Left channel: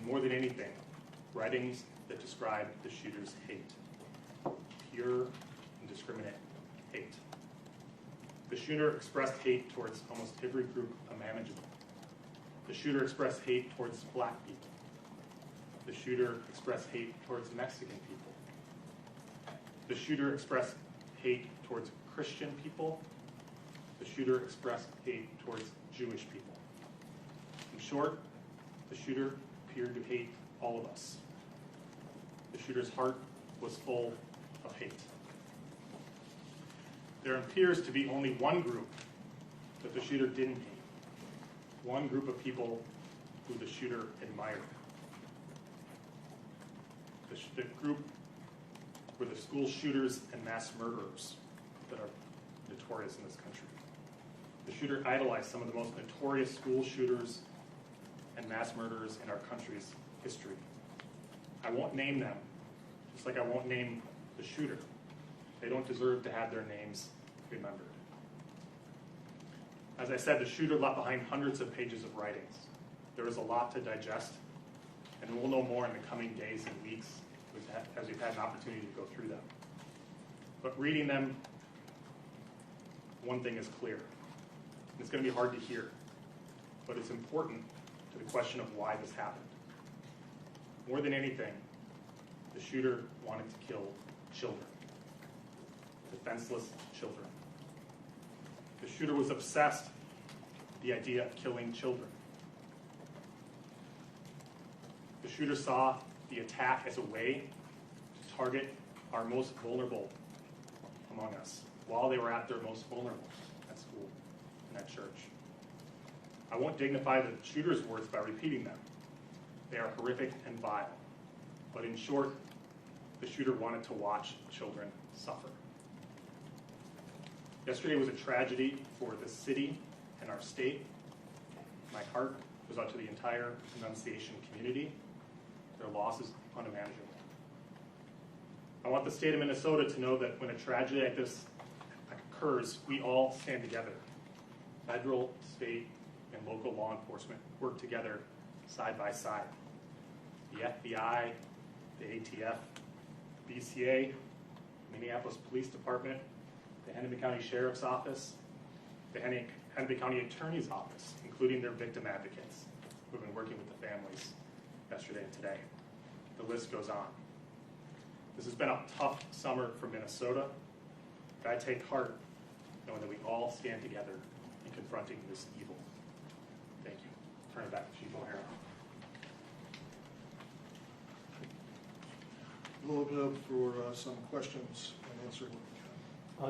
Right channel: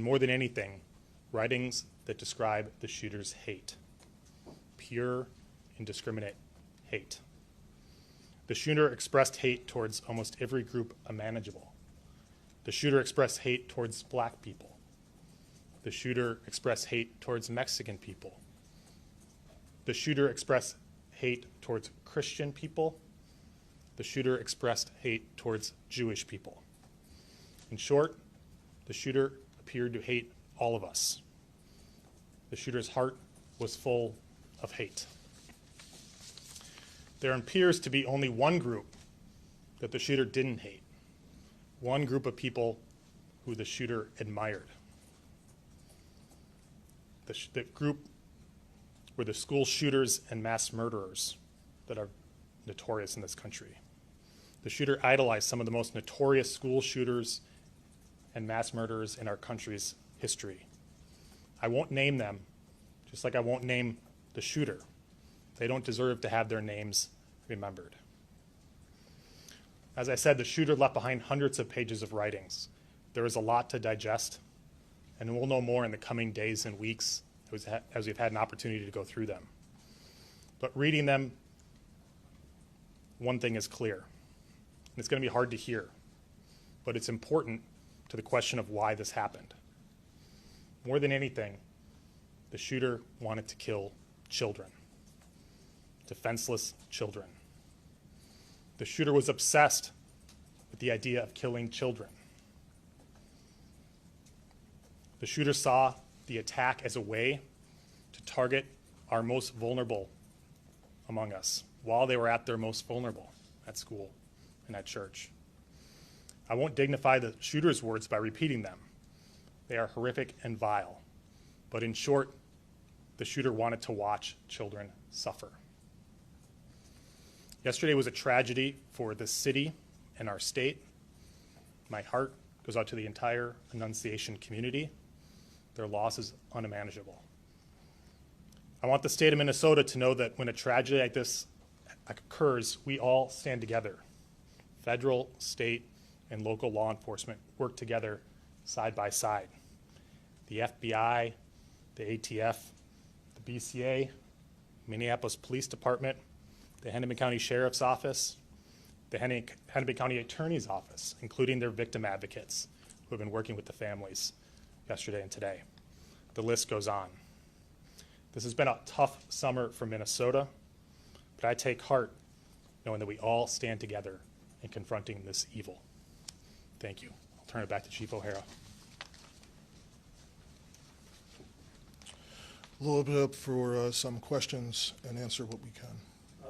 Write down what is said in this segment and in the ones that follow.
and more than anything, writings that describe the shooter's hate. Pure, indiscriminate hate. The shooter expressed hate towards almost every group imaginable. The shooter expressed hate towards black people. The shooter expressed hate towards Mexican people. The shooter expressed hate towards Christian people. The shooter expressed hate towards Jewish people. In short, the shooter appeared to hate all of us. The shooter's heart was full of hate. There appears to be only one group that the shooter didn't hate, one group of people who the shooter admired. The group were the school shooters and mass murderers that are notorious in this country. The shooter idolized some of the most notorious school shooters and mass murderers in our country's history. I won't name them, just like I won't name the shooter. They don't deserve to have their names remembered. As I said, the shooter left behind hundreds of pages of writings. There is a lot to digest, and we'll know more in the coming days and weeks as we've had an opportunity to go through them. But reading them, one thing is clear. And it's going to be hard to hear, but it's important to the question of why this happened. More than anything, the shooter wanted to kill children, defenseless children. The shooter was obsessed with the idea of killing children. The shooter saw the attack as a way to target our most vulnerable among us while they were at their most vulnerable at school and at church. I won't dignify the shooter's words by repeating them. They are horrific and vile. But in short, the shooter wanted to watch children suffer. Yesterday was a tragedy for the city and our state. My heart goes out to the entire Annunciation community. Their loss is unimaginable. I want the state of Minnesota to know that when a tragedy like this occurs, we all stand together. Federal, state, and local law enforcement work together side by side. The FBI, the ATF, the BCA, Minneapolis Police Department, the Hennepin County Sheriff's Office, the Hennepin County Attorney's Office, including their victim advocates who have been working with the families yesterday and today. The list goes on. This has been a tough summer for Minnesota, but I take heart knowing that we all stand together in confronting this evil. Thank you. I'll turn it back to Chief O'Hara. Load it up for some questions and answer what we can.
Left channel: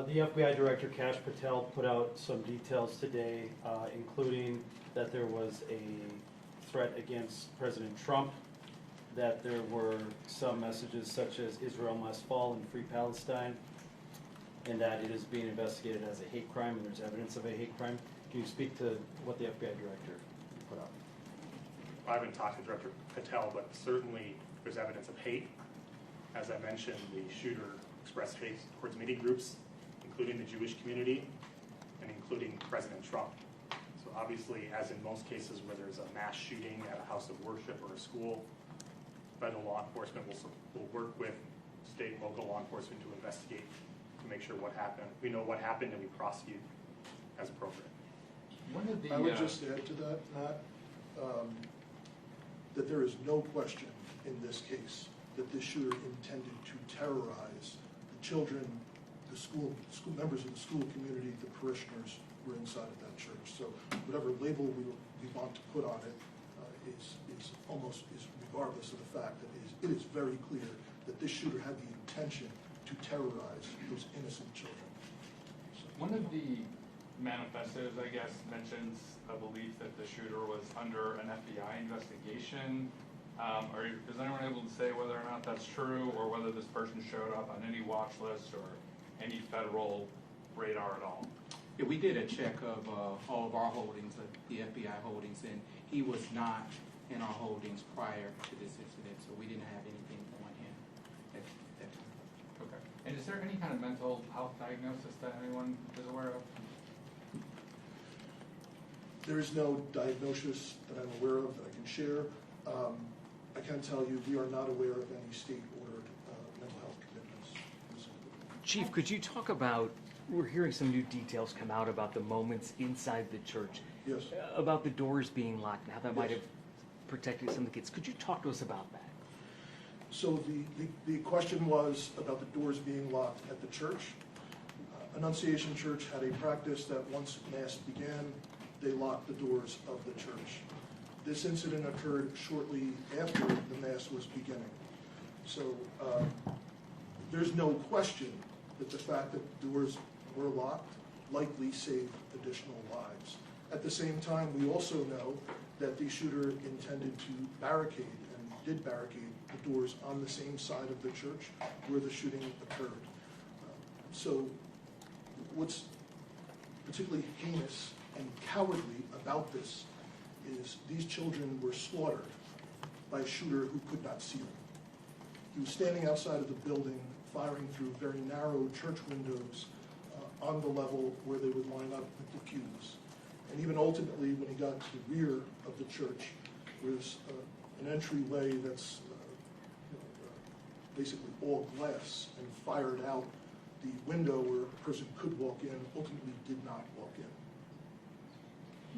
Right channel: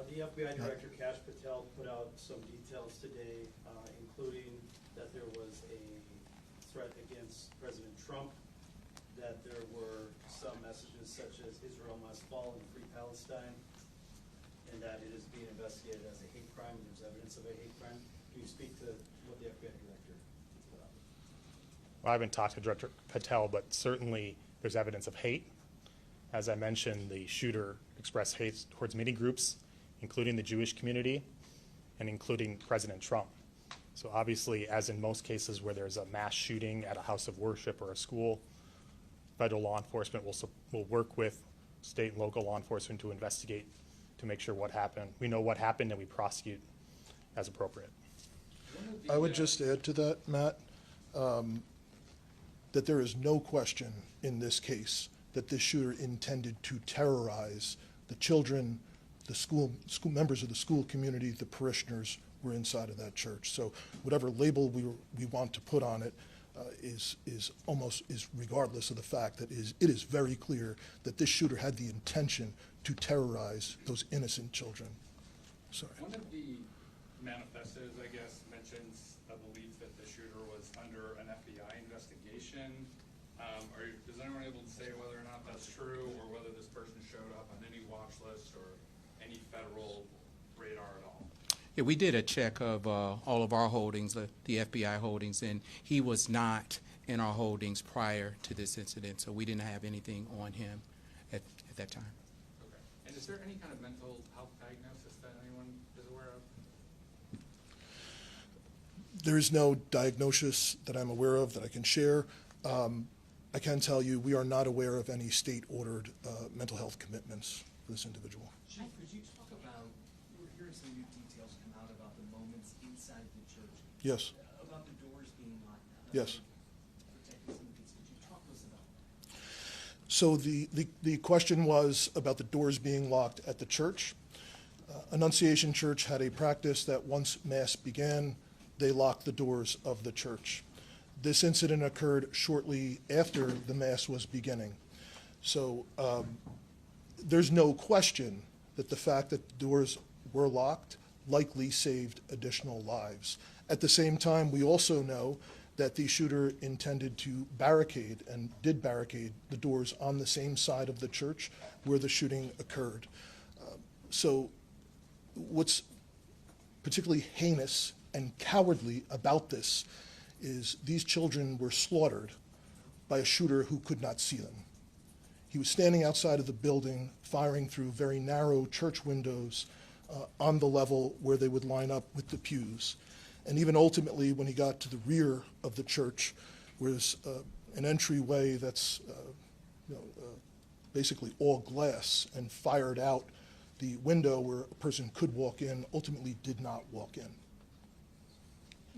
The FBI Director, Kash Patel, put out some details today, including that there was a threat against President Trump, that there were some messages such as Israel must fall and free Palestine, and that it is being investigated as a hate crime, and there's evidence of a hate crime. Can you speak to what the FBI Director put out? I haven't talked to Director Patel, but certainly there's evidence of hate. As I mentioned, the shooter expressed hate towards many groups, including the Jewish community and including President Trump. So obviously, as in most cases where there's a mass shooting at a house of worship or a school, federal law enforcement will work with state and local law enforcement to investigate to make sure what happened. We know what happened and we prosecute as appropriate. I would just add to that, Matt, that there is no question in this case that this shooter intended to terrorize the children, the school members of the school community, the parishioners who were inside of that church. So whatever label we want to put on it is regardless of the fact that it is very clear that this shooter had the intention to terrorize those innocent children. So. One of the manifestos, I guess, mentions a belief that the shooter was under an FBI investigation. Is anyone able to say whether or not that's true, or whether this person showed up on any watch list or any federal radar at all? Yeah, we did a check of all of our holdings, the FBI holdings, and he was not in our holdings prior to this incident, so we didn't have anything on him at that time. Okay. And is there any kind of mental health diagnosis that anyone is aware of? There is no diagnosis that I'm aware of that I can share. I can tell you, we are not aware of any state-ordered mental health commitments for this individual. Chief, could you talk about, we're hearing some new details come out about the moments inside the church, Yes. about the doors being locked, and how that might Yes. have protected some of the kids. Could you talk to us about that? So the question was about the doors being locked at the church. Annunciation Church had a practice that once Mass began, they locked the doors of the church. This incident occurred shortly after the Mass was beginning. So there's no question that the fact that the doors were locked likely saved additional lives. At the same time, we also know that the shooter intended to barricade and did barricade the doors on the same side of the church where the shooting occurred. So what's particularly heinous and cowardly about this is these children were slaughtered by a shooter who could not see them. He was standing outside of the building, firing through very narrow church windows on the level where they would line up with the pews. And even ultimately, when he got to the rear of the church, where there's an entryway that's basically all glass, and fired out the window where a person could walk in, ultimately did not walk in.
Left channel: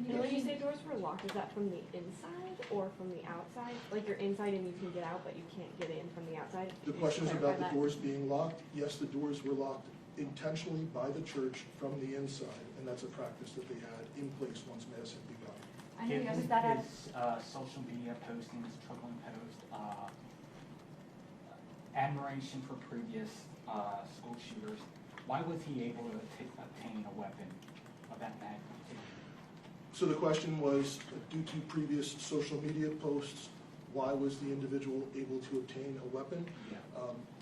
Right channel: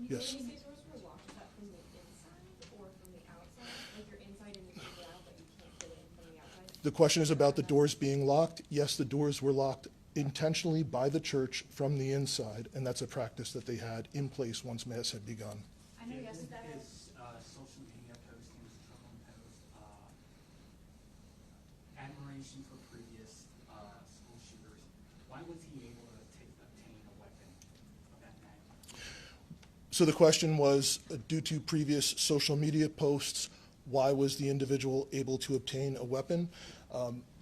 When Yes. you say doors were locked, is that from the inside or from the outside? Like you're inside and you can get out, but you can't get in from the outside? The question is about the Clarify that. doors being locked. Yes, the doors were locked intentionally by the church from the inside, and that's a practice that they had in place once Mass had begun. I know Given was that at, his social media postings, troubling posts, admiration for previous school shooters, why was he able to obtain a weapon of that magnitude? So the question was, due to previous social media posts, why was the individual able to obtain a weapon?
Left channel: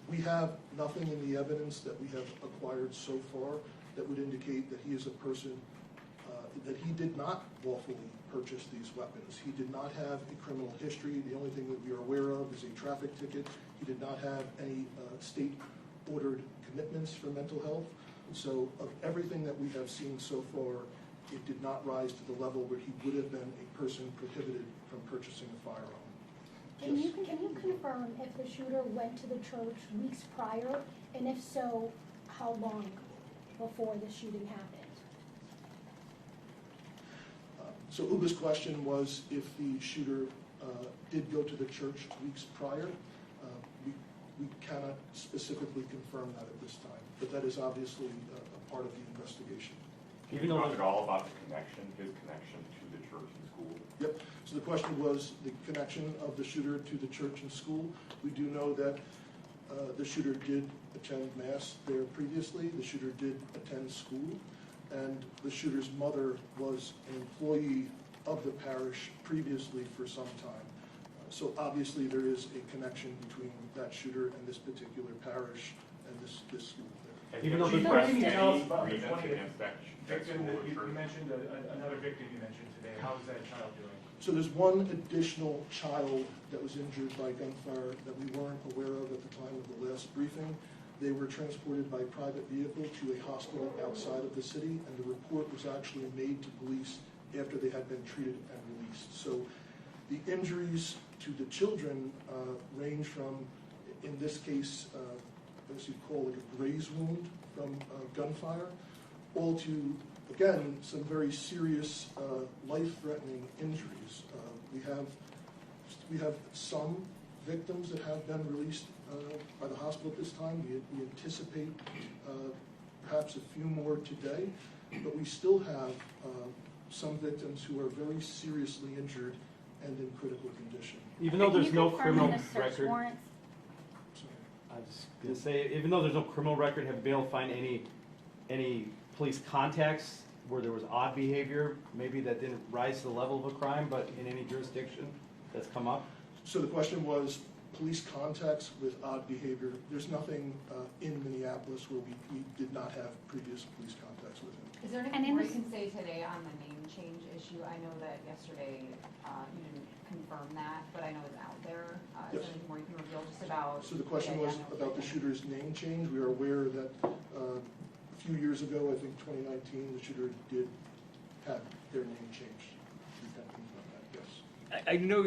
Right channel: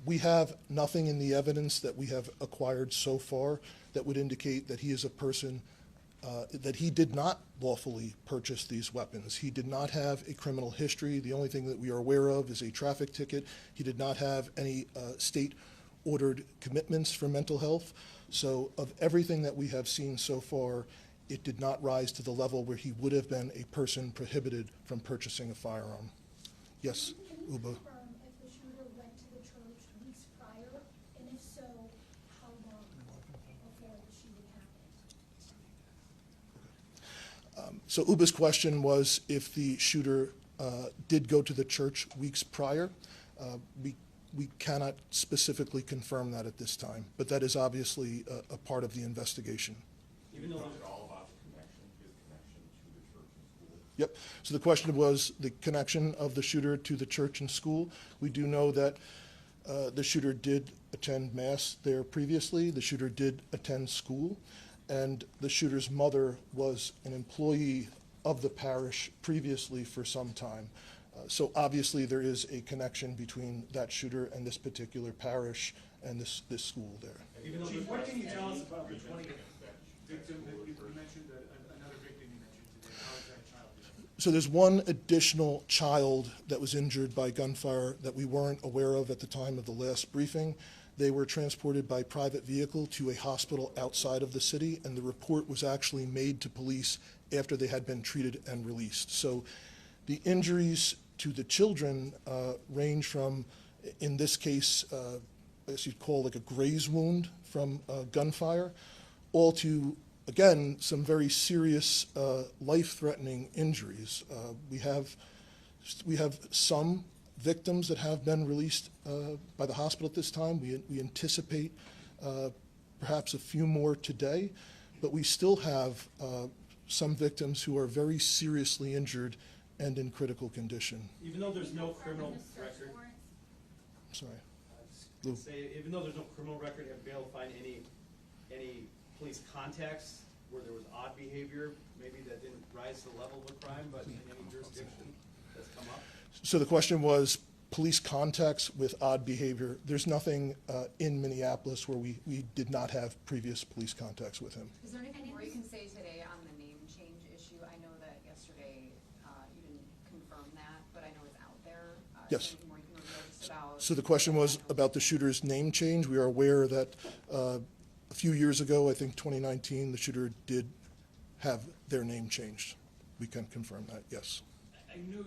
We have nothing in the evidence that we have acquired so far that would indicate that he is a person, that he did not lawfully purchase these weapons. He did not have a criminal history. The only thing that we are aware of is a traffic ticket. He did not have any state-ordered commitments for mental health. So of everything that we have seen so far, it did not rise to the level where he would have been a person prohibited from purchasing a firearm. can Yes, you Uba. confirm if the shooter went to the church weeks prior, and if so, how long before the shooting happened? So Uba's question was if the shooter did go to the church weeks prior. We cannot specifically confirm that at this time, but that is obviously a part of the investigation. Even Can though you talk there's- at all about the connection, his connection to the church and school? Yep, so the question was the connection of the shooter to the church and school. We do know that the shooter did attend Mass there previously, the shooter did attend school, and the shooter's mother was an employee of the parish previously for some time. So obviously there is a connection between that shooter and this particular parish and this school there. Even though Chief, the- what Can can you tell us about the victim 20 that Victim school that you church? mentioned, another victim you mentioned today, how's that child doing? So there's one additional child that was injured by gunfire that we weren't aware of at the time of the last briefing. They were transported by private vehicle to a hospital outside of the city, and the report was actually made to police after they had been treated and released. So the injuries to the children range from, in this case, as you'd call like a graze wound from gunfire, all to, again, some very serious life-threatening injuries. We have some victims that have been released by the hospital at this time. We anticipate perhaps a few more today, but we still have some victims who are very seriously injured and in critical condition. even though there's no criminal Can you confirm in the search record, warrants? Sorry. I was just gonna say, even though there's no criminal record, have been able to find any police contacts where there was odd behavior, maybe that didn't rise to the level of a crime, but in any jurisdiction that's come up? So the question was police contacts with odd behavior. There's nothing in Minneapolis where we did not have previous police contacts with him. Is there And anything in more you this- can say today on the name change issue? I know that yesterday you didn't confirm that, but I know it's out there. Is Yes. there anything more you can reveal just about? So the question was about the shooter's name change. We are aware that a few years ago, I think 2019, the shooter did have their name changed. We can confirm that, yes. I know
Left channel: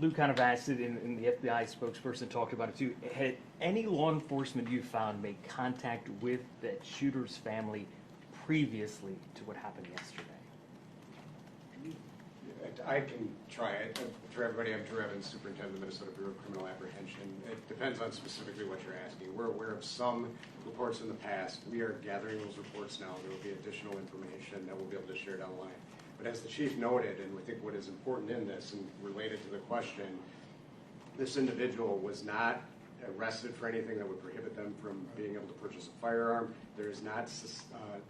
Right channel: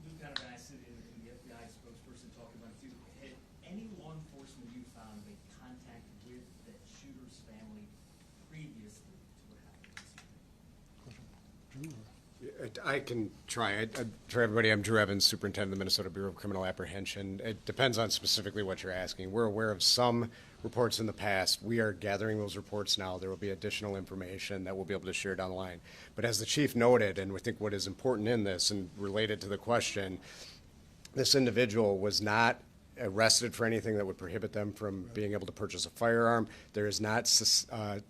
Lou kind of asked it, and the FBI spokesperson talked about it too. Had any law enforcement you found made contact with that shooter's family previously to what happened yesterday? I can try. For everybody, I'm Drew Evans, Superintendent of the Minnesota Bureau of Criminal Apprehension. It depends on specifically what you're asking. We're aware of some reports in the past. We are gathering those reports now. There will be additional information that we'll be able to share down the line. But as the chief noted, and we think what is important in this and related to the question, this individual was not arrested for anything that would prohibit them from being able to purchase a firearm. There is not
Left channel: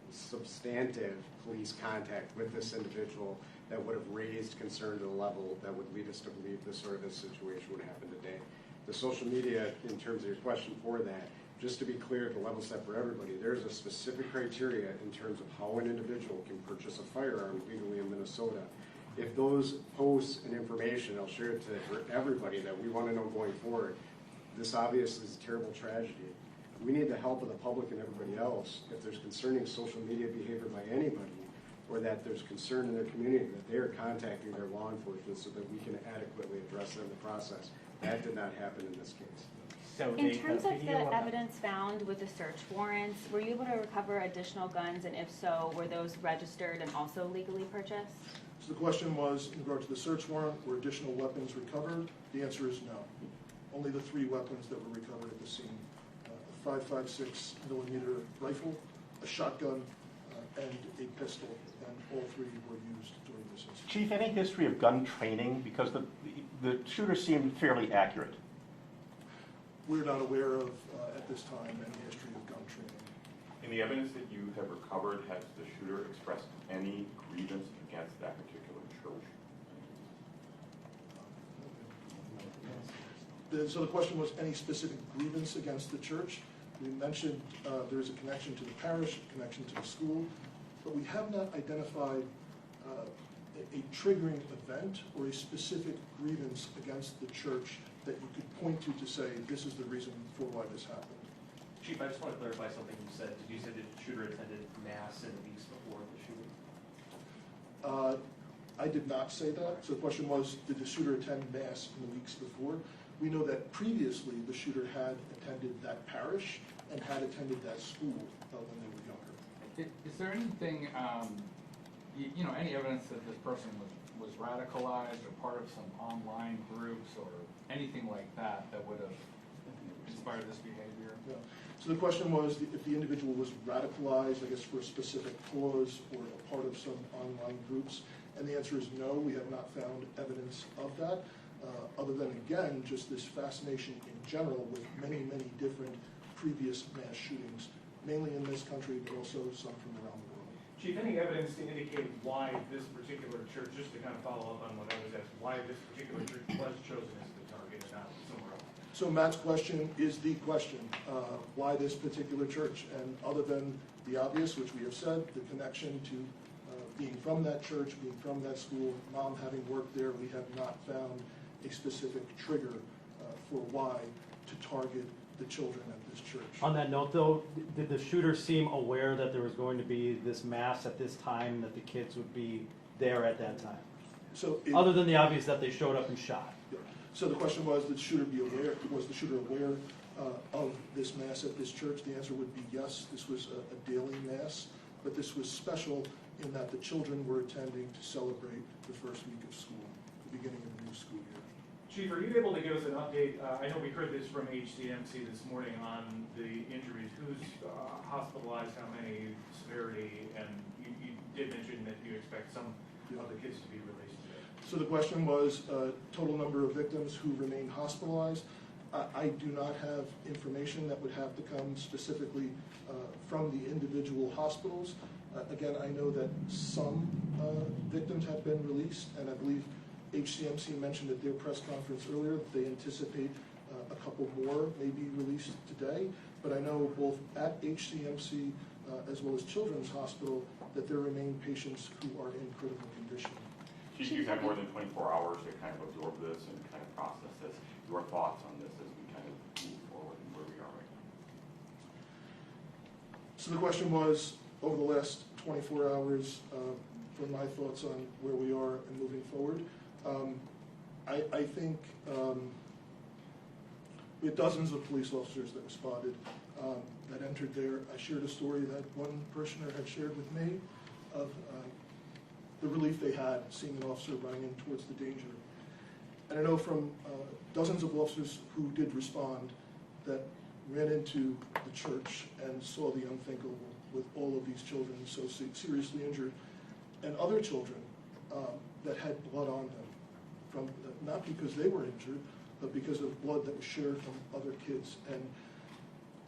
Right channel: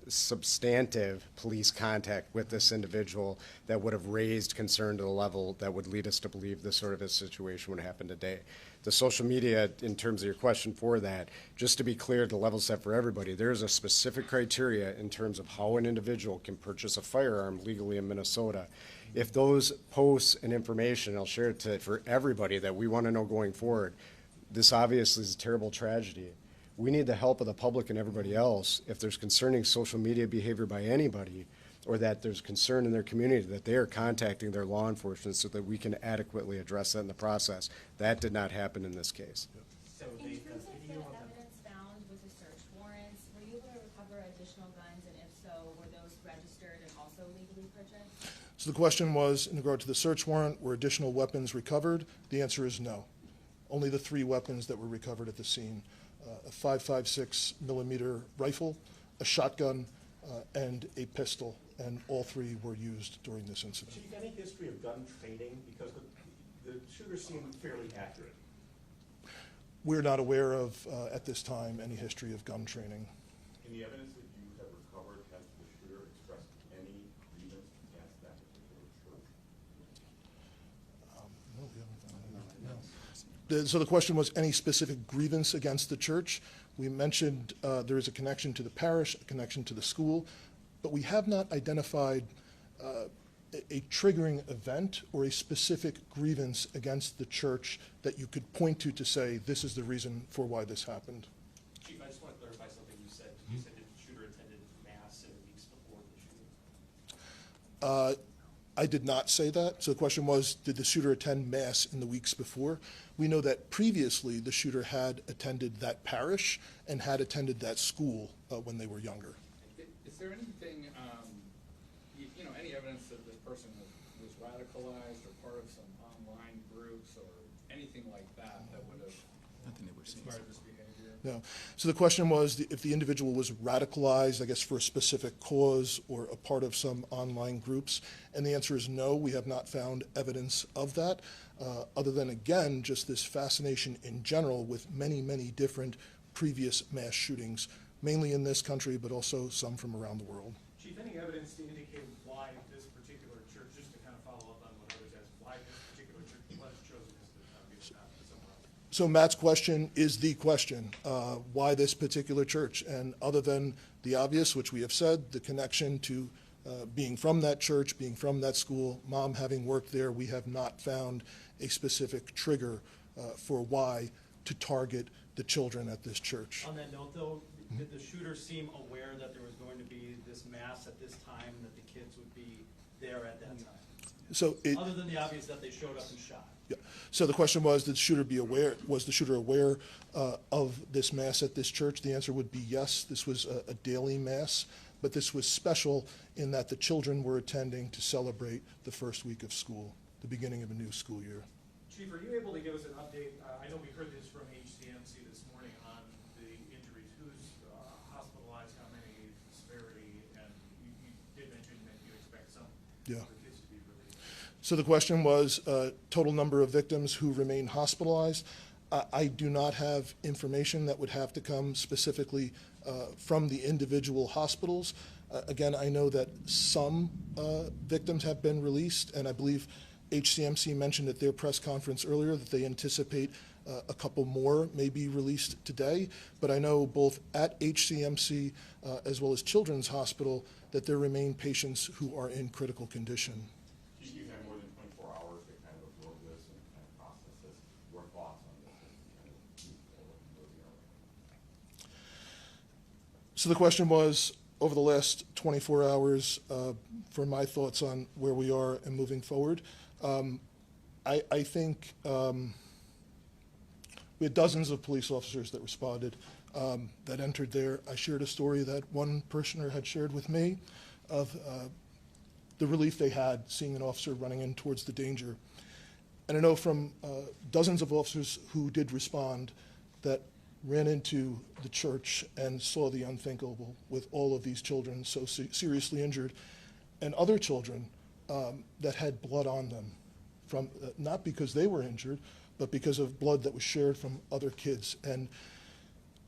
substantive police contact with this individual that would have raised concern to the level that would lead us to believe this sort of a situation would happen today. The social media, in terms of your question for that, just to be clear, to level set for everybody, there's a specific criteria in terms of how an individual can purchase a firearm legally in Minnesota. If those posts and information, I'll share it for everybody that we want to know going forward, this obviously is a terrible tragedy. We need the help of the public and everybody else. If there's concerning social media behavior by anybody, or that there's concern in their community, that they are contacting their law enforcement so that we can adequately address that in the process. That did not happen in this case. So In terms of the evidence found with the search warrants, were you able to recover additional guns, and if so, were those registered and also legally purchased? So the question was, in regard to the search warrant, were additional weapons recovered? The answer is no. Only the 3 weapons that were recovered at the scene: a .556 millimeter rifle, a shotgun, and a pistol, and all 3 were used during this incident. Chief, any history of gun training? Because the shooter seemed fairly accurate. We're not aware of, at this time, any history of gun training. In the evidence that you have recovered, has the shooter expressed any grievance against that particular church? So the question was any specific grievance against the church. We mentioned there is a connection to the parish, a connection to the school, but we have not identified a triggering event or a specific grievance against the church that you could point to say this is the reason for why this happened. Chief, I just want to clarify something you said. You said that the shooter attended mass in the weeks before the shooting? I did not say that. So the question was, did the shooter attend mass in the weeks before? We know that previously the shooter had attended that parish and had attended that school when they were younger. Is there anything, any evidence that this person was radicalized or part of some online groups or anything like that that would have inspired this behavior? No. So the question was if the individual was radicalized, I guess, for a specific cause or a part of some online groups. And the answer is no, we have not found evidence of that, other than, again, just this fascination in general with many, many different previous mass shootings, mainly in this country, but also some from around the world. Chief, any evidence to indicate why this particular church, just to kind of follow up on what I was asked, why this particular church was chosen as the target and not somewhere else? So Matt's question is the question, why this particular church? And other than the obvious, which we have said, the connection to being from that church, being from that school, mom having worked there, we have not found a specific trigger for why to target the children at this church. On that note, though, did the shooter seem aware that there was going to be this mass at this time, that the kids would be there at that time? So other than the obvious that they showed up and shot. Yeah. So the question was, did the shooter be aware? Was the shooter aware of this mass at this church? The answer would be yes. This was a daily mass, but this was special in that the children were attending to celebrate the first week of school, the beginning of a new school year. Chief, are you able to give us an update? I know we heard this from HCMC this morning on the injuries. Who's hospitalized, how many, severity, and you did mention that you expect some of the kids to be released today. So the question was total number of victims who remain hospitalized. I do not have information that would have to come specifically from the individual hospitals. Again, I know that some victims have been released, and I believe HCMC mentioned at their press conference earlier that they anticipate a couple more may be released today. But I know both at HCMC as well as Children's Hospital that there remain patients who are in critical condition. Chief, you've had more than 24 hours to kind of absorb this and kind of process this. Your thoughts on this as we kind of move forward and where we are right now? So the question was, over the last 24 hours, for my thoughts on where we are and moving forward. I think we had dozens of police officers that responded, that entered there. I shared a story that one parishioner had shared with me of the relief they had seeing an officer running in towards the danger. And I know from dozens of officers who did respond that ran into the church and saw the unthinkable with all of these children so seriously injured, and other children that had blood on them, from not because they were injured, but because of blood that was shared from other kids. And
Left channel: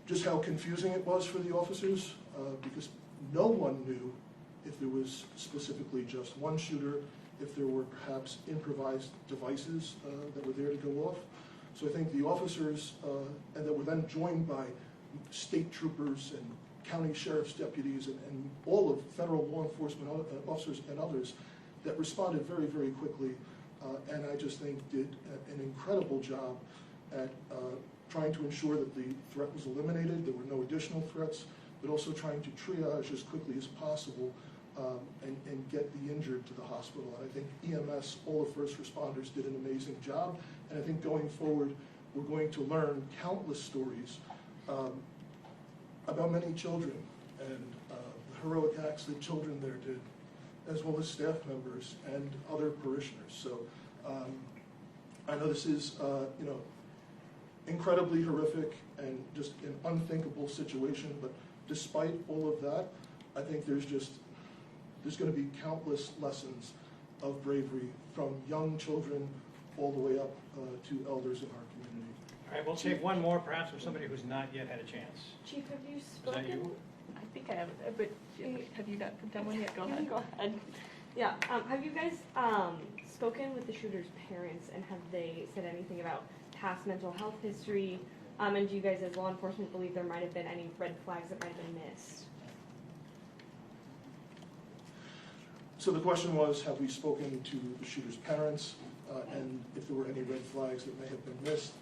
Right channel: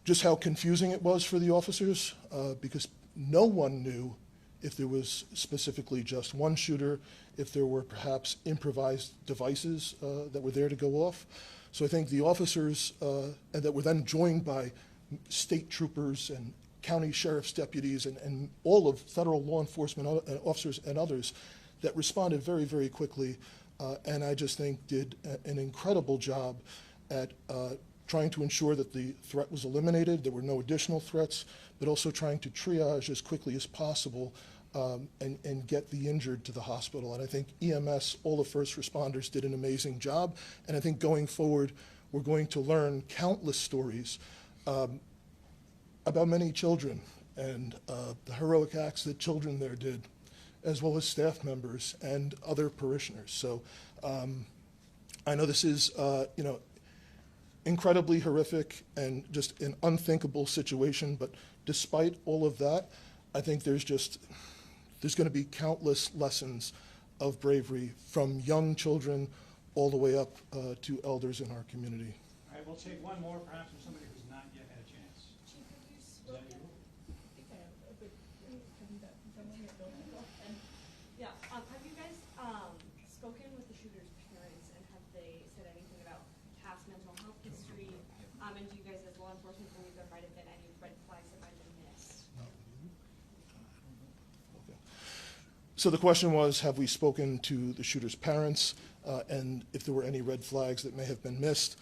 just how confusing it was for the officers, because no one knew if there was specifically just one shooter, if there were perhaps improvised devices that were there to go off. So I think the officers and that were then joined by state troopers and county sheriff's deputies and all of federal law enforcement officers and others that responded very, very quickly, and I just think did an incredible job at trying to ensure that the threat was eliminated, there were no additional threats, but also trying to triage as quickly as possible and get the injured to the hospital. And I think EMS, all the first responders, did an amazing job. And I think going forward, we're going to learn countless stories about many children and the heroic acts that children there did, as well as staff members and other parishioners. So I know this is, incredibly horrific and just an unthinkable situation, but despite all of that, I think there's going to be countless lessons of bravery from young children all the way up to elders in our community. All right, we'll take one more, perhaps with somebody who's not yet had a chance. Chief, have you Is spoken? that you? I think I have, but have you not done one yet? Go ahead. Go ahead. Yeah, have you guys spoken with the shooter's parents, and have they said anything about past mental health history? And do you guys as law enforcement believe there might have been any red flags that might have been missed? So the question was, have we spoken to the shooter's parents and if there were any red flags that may have been missed?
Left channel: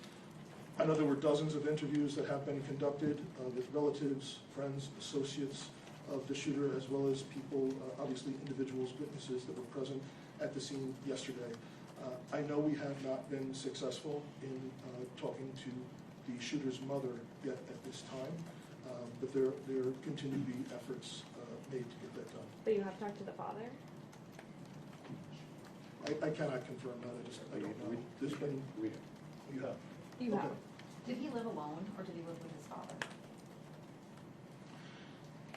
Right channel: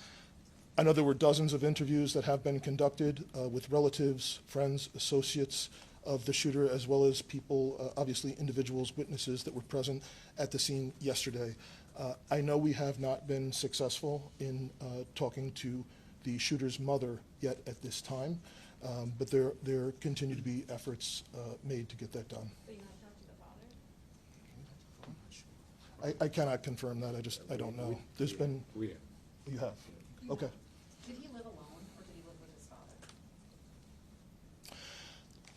I know there were dozens of interviews that have been conducted with relatives, friends, associates of the shooter, as well as people, obviously individuals, witnesses that were present at the scene yesterday. I know we have not been successful in talking to the shooter's mother yet at this time, but there continue to be efforts made to get that done. But you have talked to the father? I cannot confirm that, I don't know. There's been, you have? You Okay. have. Did he live alone, or did he live with his father?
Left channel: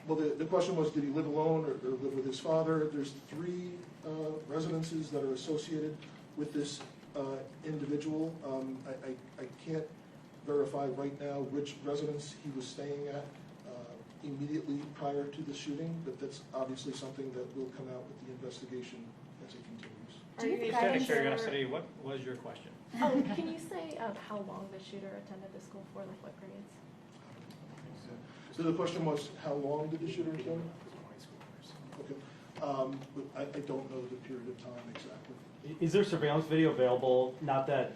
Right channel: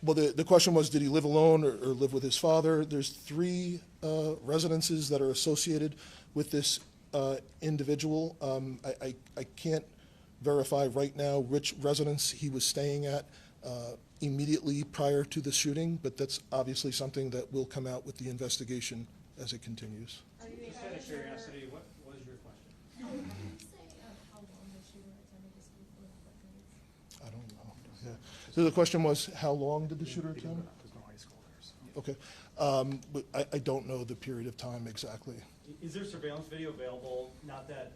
Well, the question was, did he live alone or live with his father? There's 3 residences that are associated with this individual. I can't verify right now which residence he was staying at immediately prior to the shooting, but that's obviously something that will come out with the investigation as it continues. Are you Just out of curiosity, what was your question? Oh, can you say how long the shooter attended the school for, like what grades? I don't know. Yeah. So the question was, how long did the shooter attend? Okay. But I don't know the period of time exactly. Is there surveillance video available? Not that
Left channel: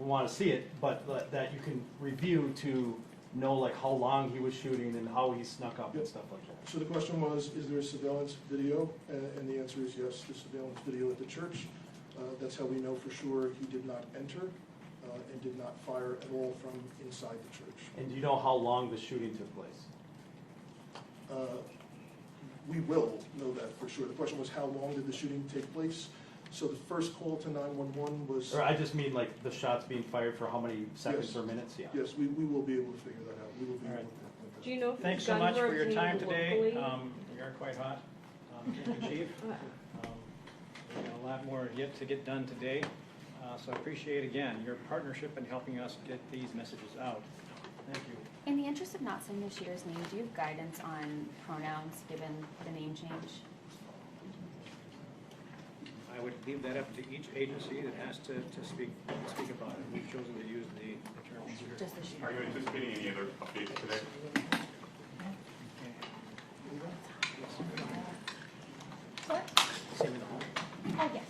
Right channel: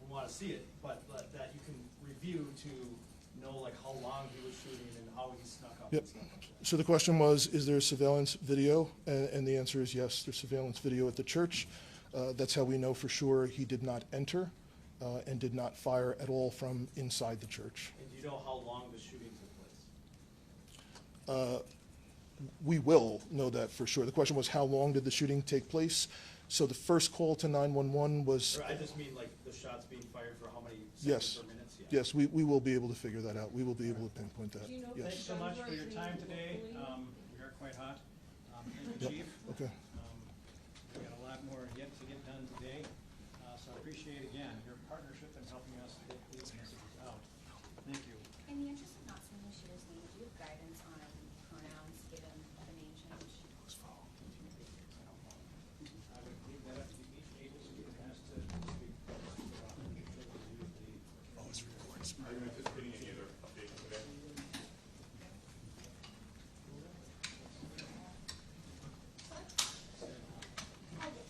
we want to see it, but that you can review to know like how long he was shooting and how he snuck up Yep. and stuff like that. So the question was, is there surveillance video? And the answer is yes, there's surveillance video at the church. That's how we know for sure he did not enter and did not fire at all from inside the church. And do you know how long the shooting took place? We will know that for sure. The question was, how long did the shooting take place? So the first call to 911 was... Or I just mean like the shots being fired for how many seconds or minutes? Yeah. Yes, we will be able to figure that out. We will be able to pinpoint that. Do you know if Thanks the so guns much were for your time obtained today. locally? We are quite hot. Thank you, Chief. Okay. We got a lot more yet to get done today, so I appreciate again your partnership in helping us get these messages out. Thank you. In the interest of not saying the shooter's name, do you have guidance on pronouns given the name change? I would leave that up to each agency that has to speak about it. We've chosen to use the term shooter. Are you anticipating any other updates today? What? Same in the home. Oh, yes.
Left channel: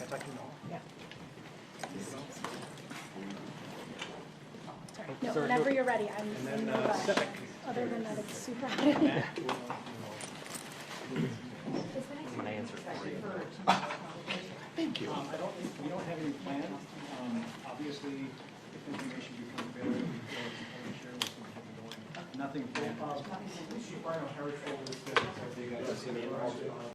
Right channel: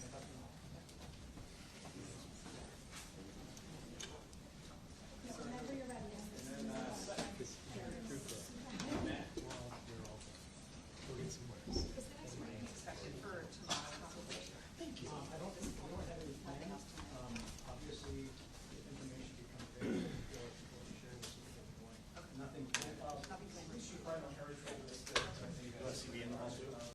I'd like to know. No, whenever you're ready, I'm And in then, no rush. Civic. Other than that, it's super hot. Matt, I'm gonna answer for you. Thank you. I don't, we don't have any plans. Obviously, if information becomes available, we can share this with what we're doing. Nothing planned. Chief Rhino Harris told us that they got